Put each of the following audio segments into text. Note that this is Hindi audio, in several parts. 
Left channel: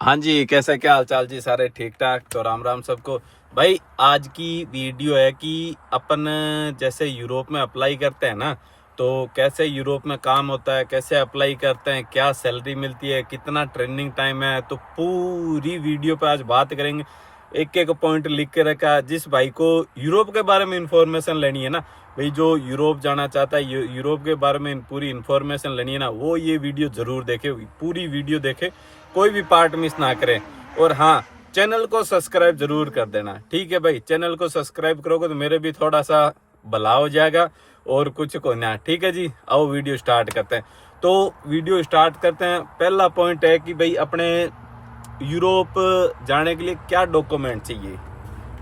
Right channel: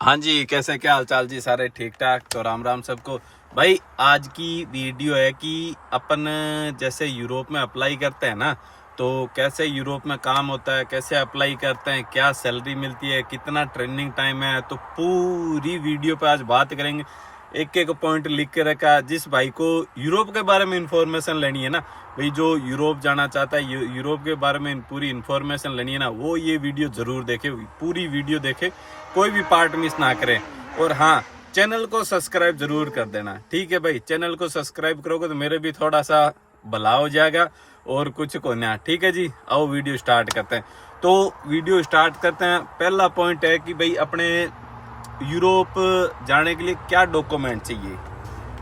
हाँ जी, कैसे क्या हाल चाल जी? सारे ठीक ठाक तो राम राम सबको। भाई आज की वीडियो है कि अपन जैसे यूरोप में अप्लाई करते हैं ना, तो कैसे यूरोप में काम होता है, कैसे अप्लाई करते हैं, क्या सैलरी मिलती है, कितना ट्रेनिंग टाइम है, तो पूरी वीडियो पे आज बात करेंगे। एक एक पॉइंट लिख के रखा। जिस भाई को यूरोप के बारे में इंफॉर्मेशन लेनी है ना, भाई जो यूरोप जाना चाहता है, यूरोप के बारे में पूरी इंफॉर्मेशन लेनी है ना, वो ये वीडियो जरूर देखे, पूरी वीडियो देखे, कोई भी पार्ट मिस ना करें। और हाँ, चैनल को सब्सक्राइब जरूर कर देना, ठीक है भाई? चैनल को सब्सक्राइब करोगे तो मेरे भी थोड़ा सा भला हो जाएगा और कुछ को ना, ठीक है जी। आओ वीडियो स्टार्ट करते हैं। तो वीडियो स्टार्ट करते हैं। पहला पॉइंट है कि भाई अपने यूरोप जाने के लिए क्या डॉक्यूमेंट चाहिए,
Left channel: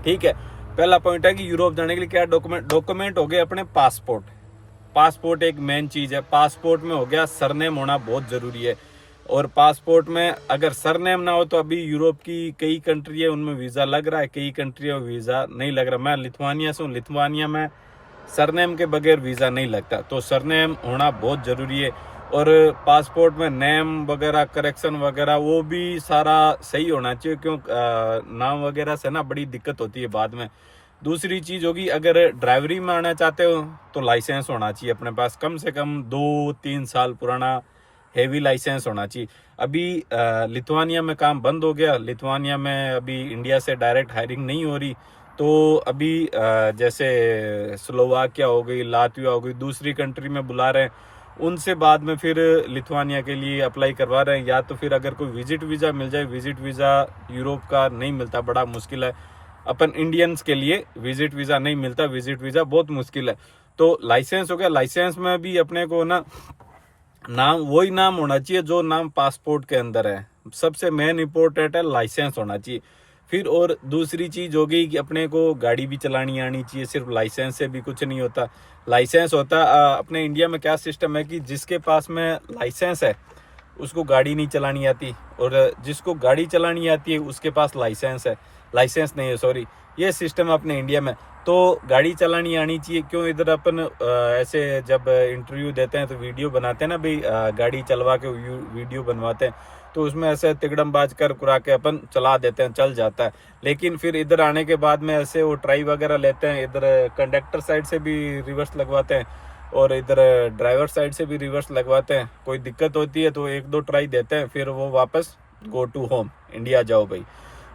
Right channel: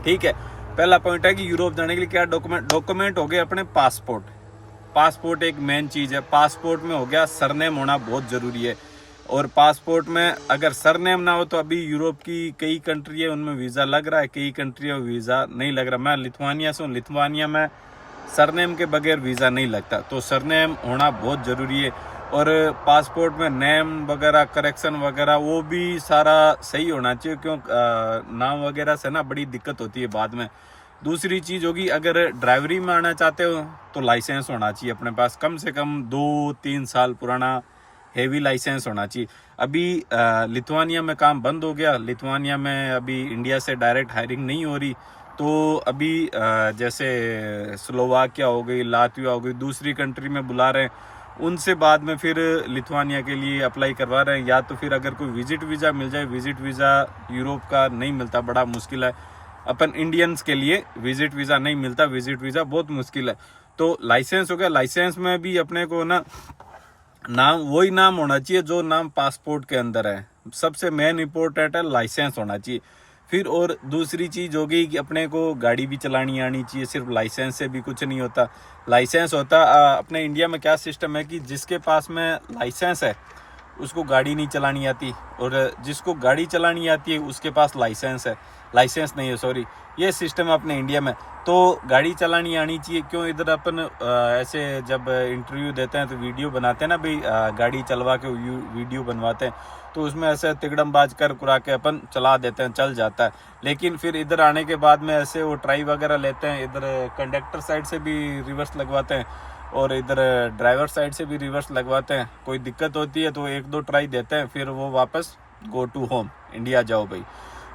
ठीक है? पहला पॉइंट है कि यूरोप जाने के लिए क्या डॉक्यूमेंट हो गए अपने पासपोर्ट। पासपोर्ट एक मेन चीज है। पासपोर्ट में हो गया सरनेम होना बहुत जरूरी है। और पासपोर्ट में अगर सरनेम ना हो तो अभी यूरोप की कई कंट्री है उनमें वीजा लग रहा है, कई कंट्री में वीजा नहीं लग रहा। मैं लिथुआनिया से हूँ, लिथुआनिया में सरनेम के बगैर वीजा नहीं लगता, तो सरनेम होना बहुत जरूरी है। और पासपोर्ट में नेम वगैरह करेक्शन वगैरह वो भी सारा सही होना चाहिए, क्यों नाम वगैरह से ना बड़ी दिक्कत होती है बाद में। दूसरी चीज होगी, अगर ड्राइवरी में आना चाहते हो तो लाइसेंस होना चाहिए अपने पास, कम से कम 2-3 साल पुराना हेवी लाइसेंस होना चाहिए। अभी लिथुआनिया में काम बंद हो गया। लिथुआनिया में अभी इंडिया से डायरेक्ट हायरिंग नहीं हो रही। तो अभी जैसे स्लोवाकिया हो गई, लातविया हो गई, दूसरी कंट्री में बुला रहे हैं, उनसे बाद में फिर लिथुआनिया के लिए अप्लाई करवा रहे हैं। या तो फिर अगर कोई विजिट वीज़ा मिल जाए, विजिट वीज़ा यूरोप का नहीं मिलता, बड़ा मुश्किल है। अपन इंडियंस के लिए विजिट वीज़ा नहीं मिलता, विजिट वीज़ा बहुत मुश्किल है। तो लाइसेंस हो गया। लाइसेंस में भी अपने को ना नाम वही नाम होना चाहिए जो नाम पासपोर्ट के अंदर है। सबसे मेन इंपॉर्टेंट है लाइसेंस होना चाहिए। फिर और दूसरी चीज होगी कि अपने को गाड़ी भी चलानी आनी चाहिए, सिर्फ लाइसेंस से भी कुछ नहीं होता। लाइसेंस होता अपने इंडिया में क्या सिस्टम है कि जिसके पास में लाइसेंस है उसको गाड़ी नहीं चलानी आती, और जिसको गाड़ी चलानी आती है उसके पास लाइसेंस है, लाइसेंस नहीं है, सॉरी, ये सिस्टम है अपने इंडिया में। तो गाड़ी चलानी आनी चाहिए। क्यों इधर अपन ऐसे जब इंटरव्यू देते हैं तो वीडियो बनाते हैं ना भाई, गाड़ी चलवा के वीडियो बनवाते हैं, तो उसमें ऐसे तिकड़मबाज कर कुरा के अपन चला देते हैं, चल जाता है। लेकिन फिर इधर आने के बाद में ऐसे वो ट्राई वगैरह लेते हैं, इधर कंडक्टर साइड से भी रिवर्स लगवाते हैं और इधर ड्राइवर साइड से भी रिवर्स लगवाते हैं। कोई दिक्कत होती है तो 1-2 ट्राई देते हैं, फिर वो वापस गो टू होम, इंडिया जाओ भाई।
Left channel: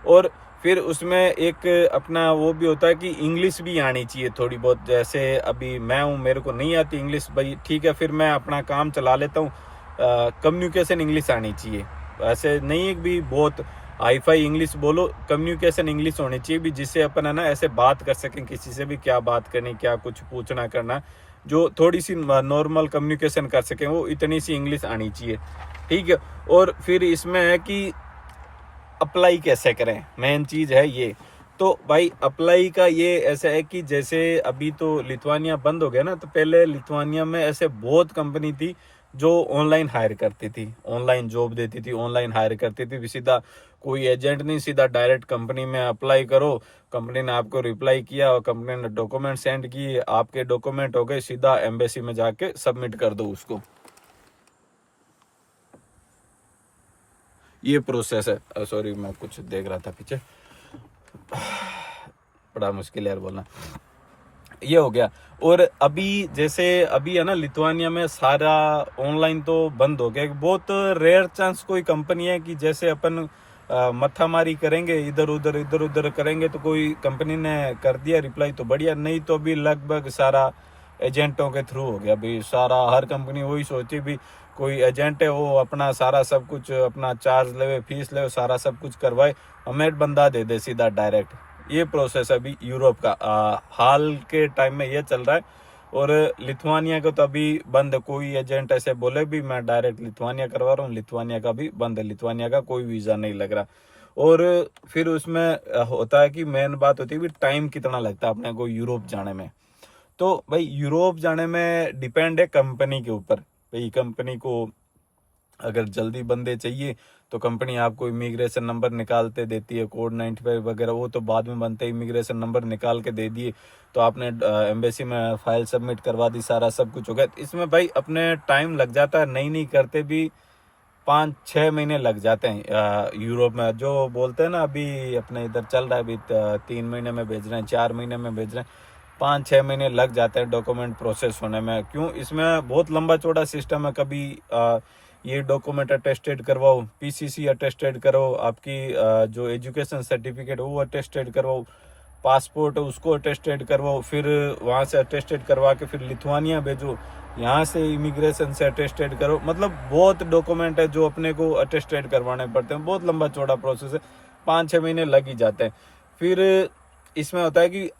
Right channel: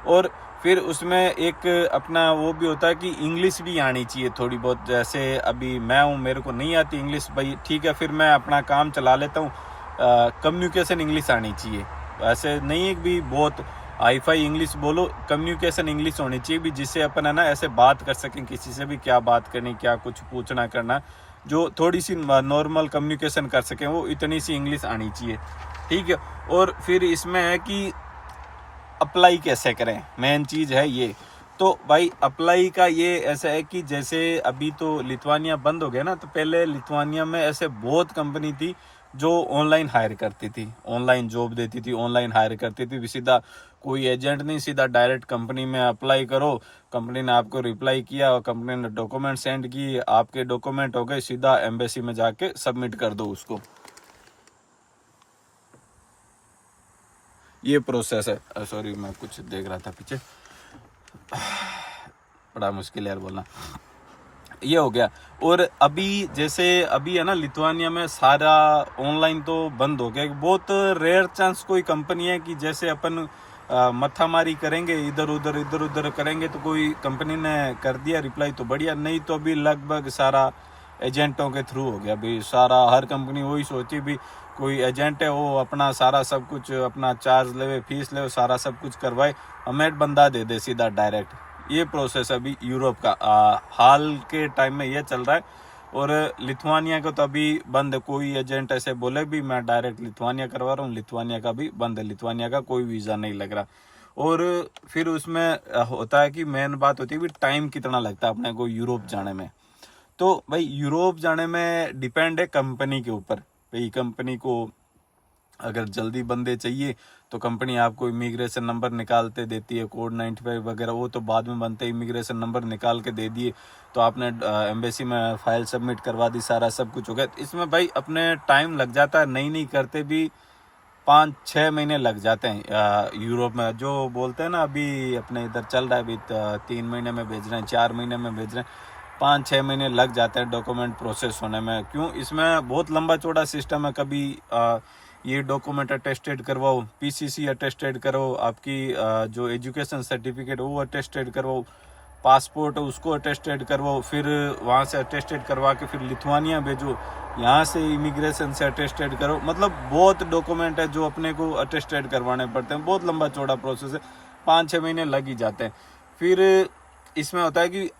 और फिर उसमें एक अपना वो भी होता है कि इंग्लिश भी आनी चाहिए थोड़ी बहुत। जैसे अभी मैं हूँ, मेरे को नहीं आती इंग्लिश भाई, ठीक है, फिर मैं अपना काम चला लेता हूँ। कम्युनिकेशन इंग्लिश आनी चाहिए। ऐसे नहीं है भी बहुत हाई फाई इंग्लिश बोलो, कम्युनिकेशन इंग्लिश होनी चाहिए भी, जिससे अपन है ना ऐसे बात कर सकें किसी से भी, क्या बात करनी, क्या कुछ पूछना करना, जो थोड़ी सी नॉर्मल कम्युनिकेशन कर सकें, वो इतनी सी इंग्लिश आनी चाहिए, ठीक है। और फिर इसमें है कि अप्लाई कैसे करें, मेन चीज है ये। तो भाई अप्लाई का ये ऐसा है कि जैसे अभी तो लिथुआनिया बंद हो गया ना, तो पहले लिथुआनिया में ऐसे बहुत कंपनी थी जो ऑनलाइन हायर करती थी, ऑनलाइन जॉब देती थी, ऑनलाइन हायर करती थी। सीधा कोई एजेंट नहीं, सीधा डायरेक्ट कंपनी में अप्लाई करो, कंपनी ने आपको रिप्लाई किया और कंपनी ने डॉक्यूमेंट सेंड किए, आपके डॉक्यूमेंट हो गए, सीधा एम्बेसी में जाके सबमिट कर दो उसको। ये प्रोसेस है। सॉरी, मैं कुछ देख रहा था पीछे, बड़ा मुश्किल है यार बोलना। ये हो गया। और अभी जैसे अभी है ना लिथुआनिया में सारा ऑनलाइन तो बंद हो गया। बहुत रेयर चांस कोई कंपनी है कि जैसे अपन मत्थामारी करेंगे, इधर उधर करेंगे तो कोई कंपनी ने कर दिया रिप्लाई तो बढ़िया, नहीं तो अभी लगभग सारा एजेंटों के थ्रू हो गया भी सारा। हर कंपनी वही सोची भी कोई एजेंट है वो अपना सारा सब कुछ अपना चार्ज ले, फीस ले, सारा सब कुछ करवाए, हमें बंदा दे दे सीधा डायरेक्ट। ये प्रोसेस अभी यूरोप का हाल के टाइम में ये चल रहा है। और लिथुआनिया को तो अभी बंद है। कोई एजेंट ऐसे बोले भी मैं डायरेक्ट लिथुआनिया करवा रहा हूँ, लिथुआनिया का भी बंद है, लिथुआनिया का कोई वीजा नहीं लग रहा। और फिर उसमें होता है कि मेन बात होती है भी टाइम कितना लगता है अपने को यूरोप जाने में। तो भाई यूरोप जाने में डिपेंड है कंपनी के ऊपर। भाई कंपनी को अगर जल्दी बंदे चाहिए तो कंपनी आपको इमिग्रेशन नंबर निकालते देती है, कोड 95 वगैरह, वो तो बाद में बनते, इमिग्रेशन नंबर निकाल के दे दिए तो आपने एम्बेसी में फाइल सबमिट करवा दी, सारा सब कुछ हो गया। इसमें भाई अपने टाइम लग जाता है, नहीं करते भी 5-6 महीने लग जाते हैं यूरोप में। जो बोलते हैं ना अभी अपने इधर चल रहा है, अभी 3 महीने में भेज रहे हैं, 4 महीने में भेज रहे हैं, 5-6 महीने लग जाते हैं डॉक्यूमेंट प्रोसेस होने में। क्यों? इसमें बहुत लंबा चौड़ा सिस्टम है। कभी ये डॉक्यूमेंट अटेस्टेड करवाओ, पीसीसी अटेस्टेड करो, आपकी जो एजुकेशन सर्टिफिकेट वो अटेस्टेड करवाओ, पासपोर्ट उसको अटेस्टेड करवाओ, फिर वहाँ से अटेस्टेड करवा के फिर लिथुआनिया भेजो, यहाँ से इमिग्रेशन से अटेस्टेड करो। मतलब बहुत डॉक्यूमेंट है जो अपने को अटेस्टेड करवाने पड़ते हैं। बहुत लंबा चौड़ा प्रोसेस है, 5-6 महीने लग ही जाते हैं। फिर इसमें होता है कि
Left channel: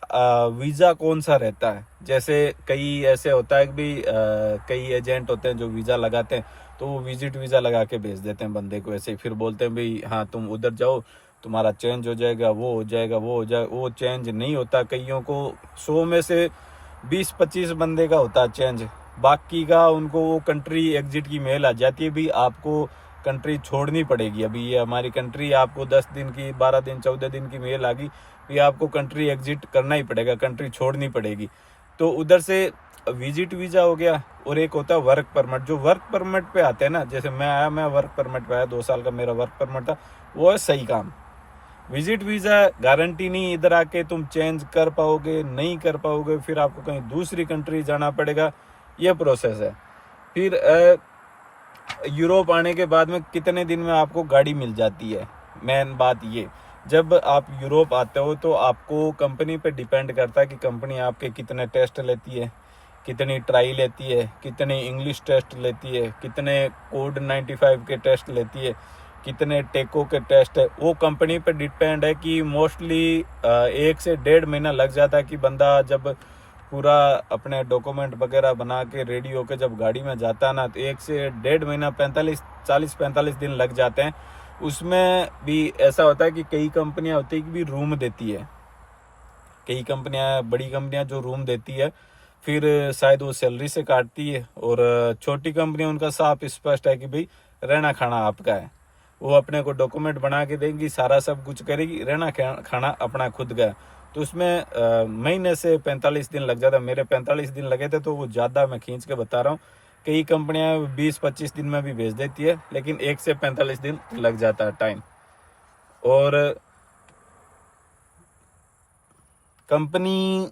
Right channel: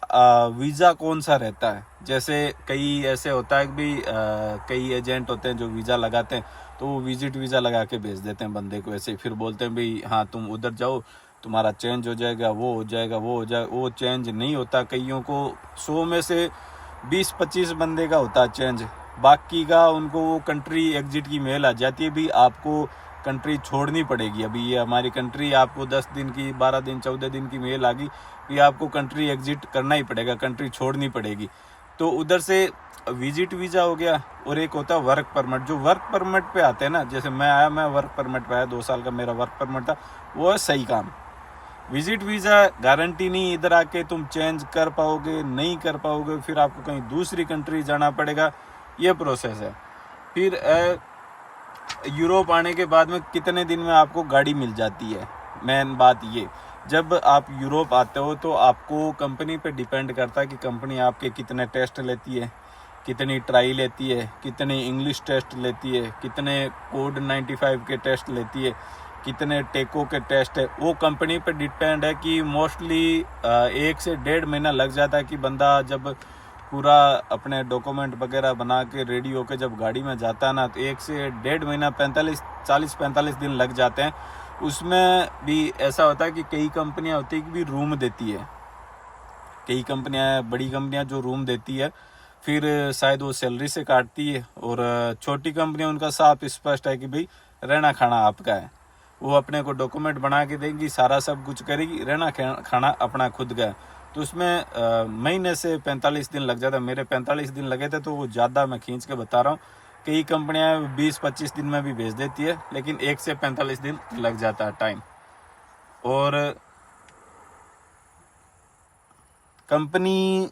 वीज़ा कौन सा रहता है। जैसे कई ऐसे होता है कि भाई कई एजेंट होते हैं जो वीज़ा लगाते हैं, तो वो विजिट वीज़ा लगा के भेज देते हैं बंदे को ऐसे। फिर बोलते हैं भाई हाँ तुम उधर जाओ, तुम्हारा चेंज हो जाएगा, वो हो जाएगा, वो हो जाएगा। वो चेंज नहीं होता। कईयों को 100 में से 20-25 बंदे का होता है चेंज, बाकी का उनको वो कंट्री एग्जिट की मेल आ जाती है, भी आपको कंट्री छोड़नी पड़ेगी। अभी ये हमारी कंट्री, आपको 10 दिन की, 12 दिन, 14 दिन की मेल आ गई, ये आपको कंट्री एग्जिट करना ही पड़ेगा, कंट्री छोड़नी पड़ेगी। तो उधर से विजिट वीज़ा हो गया, और एक होता है वर्क परमिट। जो वर्क परमिट पे आते हैं ना, जैसे मैं आया, मैं वर्क परमिट पे आया, 2 साल का मेरा वर्क परमिट था, वो है सही काम। विजिट वीज़ा गारंटी नहीं, इधर आके तुम चेंज कर पाओगे, नहीं कर पाओगे, फिर आपको कहीं दूसरी कंट्री जाना पड़ेगा, ये प्रोसेस है। फिर यूरोप आने के बाद में कितने दिन में आपको गाड़ी मिल जाती है। मेन बात ये, जब आप यूरोप आते हो तो आपको कंपनी पे डिपेंड करता है कि कंपनी आपके कितने टेस्ट लेती है, कितनी ट्राई लेती है, कितनी इंग्लिश टेस्ट लेती है, कितने कोड 95 के टेस्ट लेती है, कितने टेको के टेस्ट है। वो कंपनी पे डिपेंड है कि मोस्टली 1 से 1.5 महीना लग जाता है कि बंदा जब पूरा अपने डॉक्यूमेंट वगैरह बना के रेडी होके जब गाड़ी में जाता है ना, तो 1 से 1.5 महीना 40-45 दिन लग जाते हैं। उसमें भी ऐसा होता है कि कई कंपनियां होती है कि भी रूम देती है, कई कंपनियां, बड़ी कंपनियां जो रूम देती है, फिर शायद वो सैलरी से काटती है। और छोटी कंपनियां, उनका साफ स्पष्ट है कि भाई रहना खाना आपका है, वो अपने को डॉक्यूमेंट बना के देंगी, सारा सब कुछ करेगी, रहना खाना अपना खुद का है। तो उसमें महीने से 45 दिन लग जाता है। मेरे 45 दिन लगे थे, तो वो ज़्यादा मैं खींच के बता रहा हूँ। कई कंपनियां 20-25 दिन में भी भेज देती है, लेकिन 1 से 45 दिन लग जाता है टाइम। और कंपनी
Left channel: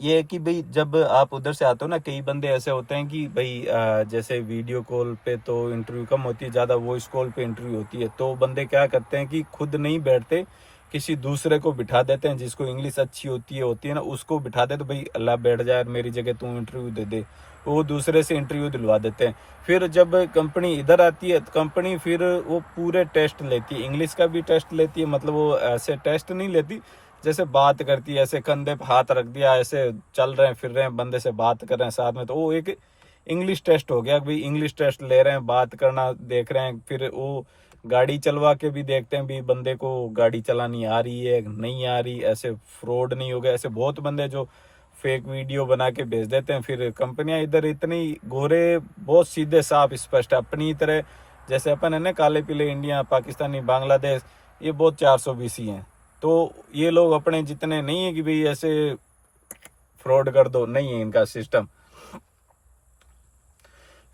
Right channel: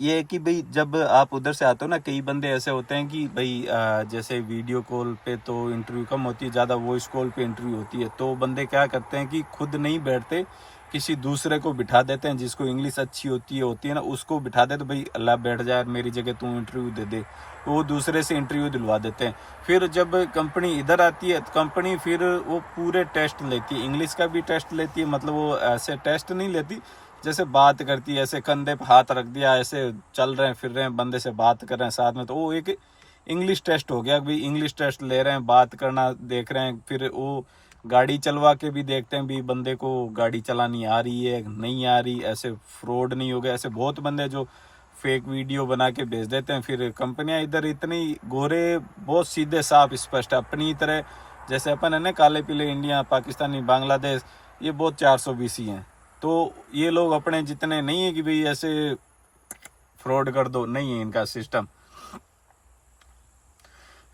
ये है कि भाई जब आप उधर से आते हो ना, कई बंदे ऐसे होते हैं कि भाई जैसे वीडियो कॉल पे तो इंटरव्यू कम होती है, ज़्यादा वॉइस कॉल पे इंटरव्यू होती है। तो बंदे क्या करते हैं कि खुद नहीं बैठते, किसी दूसरे को बिठा देते हैं, जिसको इंग्लिश अच्छी होती है ना, उसको बिठा देते, भाई अल्लाह बैठ जाए मेरी जगह, तू इंटरव्यू दे दे। तो वो दूसरे से इंटरव्यू दिलवा देते हैं। फिर जब कंपनी इधर आती है, तो कंपनी फिर वो पूरे टेस्ट लेती है, इंग्लिश का भी टेस्ट लेती है। मतलब वो ऐसे टेस्ट नहीं लेती जैसे बात करती है, ऐसे कंधे पे हाथ रख दिया, ऐसे चल रहे हैं, फिर रहे हैं, बंदे से बात कर रहे हैं साथ में, तो वो एक इंग्लिश टेस्ट हो गया। भाई इंग्लिश टेस्ट ले रहे हैं, बात करना देख रहे हैं। फिर वो गाड़ी चलवा के भी देखते हैं भी बंदे को गाड़ी चलानी आ रही है नहीं आ रही, ऐसे फ्रॉड नहीं हो गया। ऐसे बहुत बंदे जो फेक वीडियो बना के भेज देते हैं। फिर कंपनियां इधर इतनी गोरे, बहुत सीधे साफ स्पष्ट, अपनी तरह जैसे अपन है ना, काले पीले इंडिया, पाकिस्तानी, बांग्लादेश, ये बहुत 420 ही हैं। तो ये लोग अपने जितने नहीं है कि भाई ऐसे फ्रॉड कर दो, नहीं है इनका सिस्टम।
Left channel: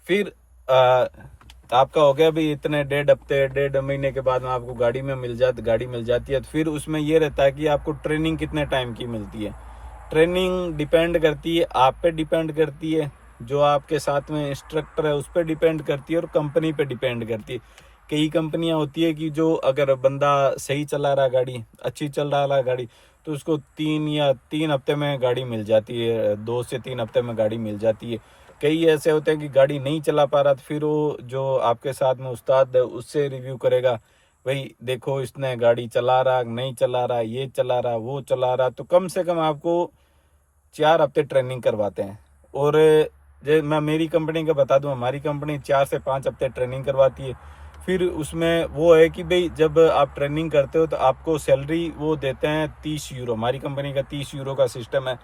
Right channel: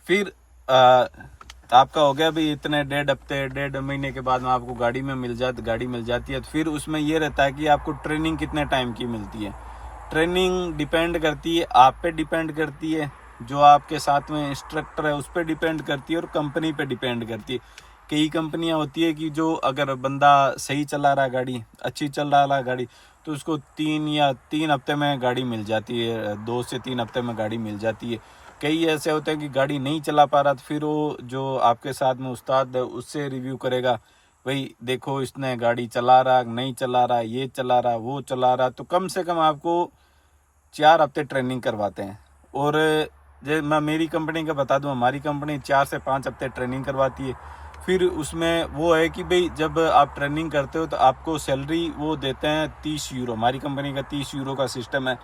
फिर आपका हो गया भाई इतने 1.5 हफ्ते, 1.5 महीने के बाद में आपको गाड़ी मिल जाती है। तो फिर उसमें ये रहता है कि आपको ट्रेनिंग कितने टाइम की मिलती है। ट्रेनिंग डिपेंड करती है, आप पे डिपेंड करती है, जो आपके साथ में इंस्ट्रक्टर है उस पर डिपेंड करती है, और कंपनी पे डिपेंड करती है। कई कंपनियां होती है कि जो अगर बंदा सही चला रहा है गाड़ी, अच्छी चल रहा है गाड़ी, तो उसको 3 हफ्ते में गाड़ी मिल जाती है, 2 से 3 हफ्ते में गाड़ी मिल जाती है। कई ऐसे होते हैं कि गाड़ी नहीं चला पा रहा, तो फिर वो जो आपके साथ में उस्ताद है उससे रिव्यू करेगा, भाई देखो इसने गाड़ी चला रहा, नहीं चला रहा, ये चला रहा, वो चला रहा। तो कम से कम आपको 4 हफ्ते ट्रेनिंग करवाते हैं। और जो मैं मेरी कंपनी का बता दूं, हमारी कंपनी 4 से 5 हफ्ते ट्रेनिंग करवाती है। फिर उसमें वो है कि भाई जब आप ट्रेनिंग करते हो तो आपको सैलरी वो देते हैं 30 यूरो। हमारी कंपनी का 30 यूरो का सिस्टम है।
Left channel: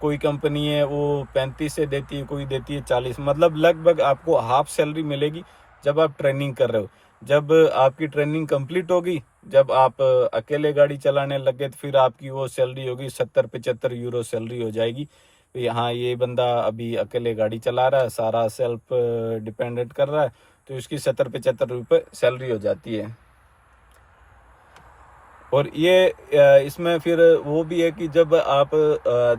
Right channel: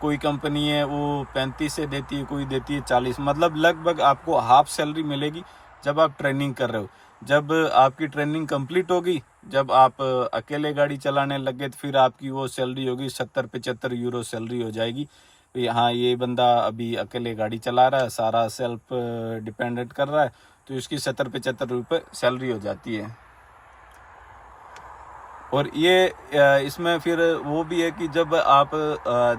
कोई कंपनी है वो 35 से देती है, कोई देती है 40। मतलब लगभग आपको हाफ सैलरी मिलेगी जब आप ट्रेनिंग कर रहे हो। जब आपकी ट्रेनिंग कंप्लीट होगी, जब आप अकेले गाड़ी चलाने लगे, तो फिर आपकी वो सैलरी होगी 70-75 यूरो सैलरी हो जाएगी। हाँ, ये बंदा अभी अकेले गाड़ी चला रहा है, सारा सेल्फ डिपेंडेंट कर रहा है, तो इसकी 70-75 रुपये सैलरी हो जाती है। और ये इसमें फिर वो भी है कि जब आप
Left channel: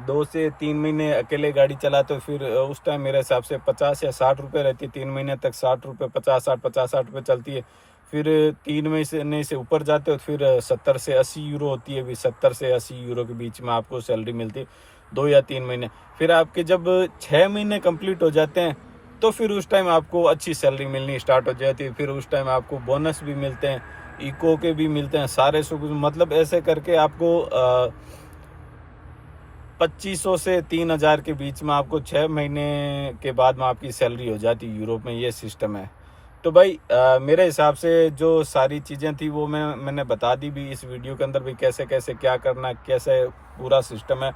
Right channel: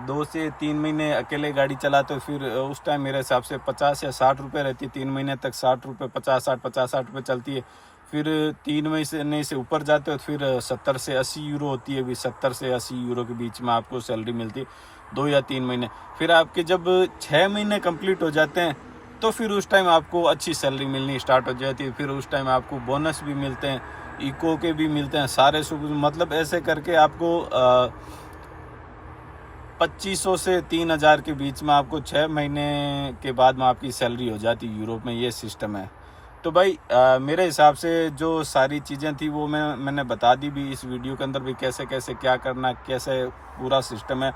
2 से 3 महीने अकेले गाड़ी चलाते हो, फिर उस टाइम मेरे हिसाब से 50 या 60 रुपये रहती है। 3 महीने तक 60 रुपये, 50-60 रुपये चलती है। फिर 3 महीने से ऊपर जाते हो तो फिर 70 से 80 यूरो होती है। भी 70 से 80 यूरो के बीच में आपको सैलरी मिलती है 2 या 3 महीने। फिर आपके जब 6 महीने कंप्लीट हो जाते हैं तो फिर उस टाइम आपको अच्छी सैलरी मिलनी स्टार्ट हो जाती है। फिर उस टाइम आपको बोनस भी मिलते हैं, इको के भी मिलते हैं, सारे सुख, मतलब ऐसे करके आपको 2500 से 3000 के बीच में आपको 6 महीने के बाद में आपकी सैलरी हो जाती है। यूरोप में ये सिस्टम है। तो भाई मेरे हिसाब से जो सारी चीज़ें थी वो मैंने बता दी भी इस वीडियो के अंदर भी, कैसे कैसे क्या करना, कैसे पूरा सिस्टम है।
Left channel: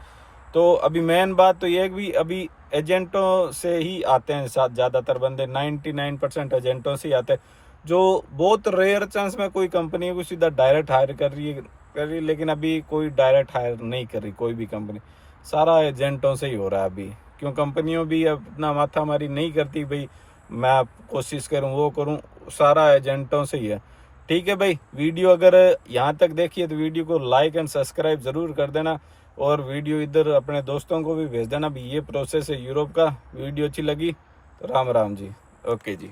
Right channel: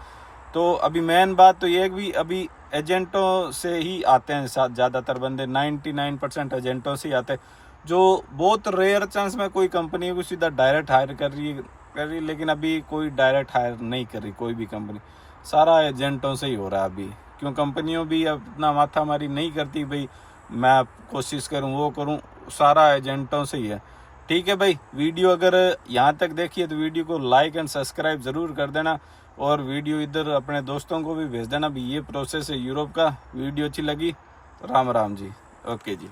तो अभी मेन बात तो ये है कि अभी एजेंटों से ही आते हैं ज़्यादातर बंदे, 99% एजेंटों से ही आते हैं। जो बहुत रेयर चांस में कोई कंपनी है को सीधा डायरेक्ट हायर कर रही है, लेकिन अभी कोई डायरेक्ट हायर नहीं कर रही कोई भी कंपनी, सारा एजेंटों से ही हो रहा है अभी। क्यों, कंपनियों भी अपना माथा मारी नहीं करती भाई मैं कोशिश करूं वो करूं, सारा एजेंटों से ही है। ठीक है भाई, वीडियो अगर यहाँ तक देखिए तो वीडियो को लाइक एंड सब्सक्राइब ज़रूर कर देना, और वीडियो इधर अपने दोस्तों को भी भेज देना भी। ये प्रोसेस है यूरोप का। वीडियो अच्छी लगी तो राम राम जी, ओके जी।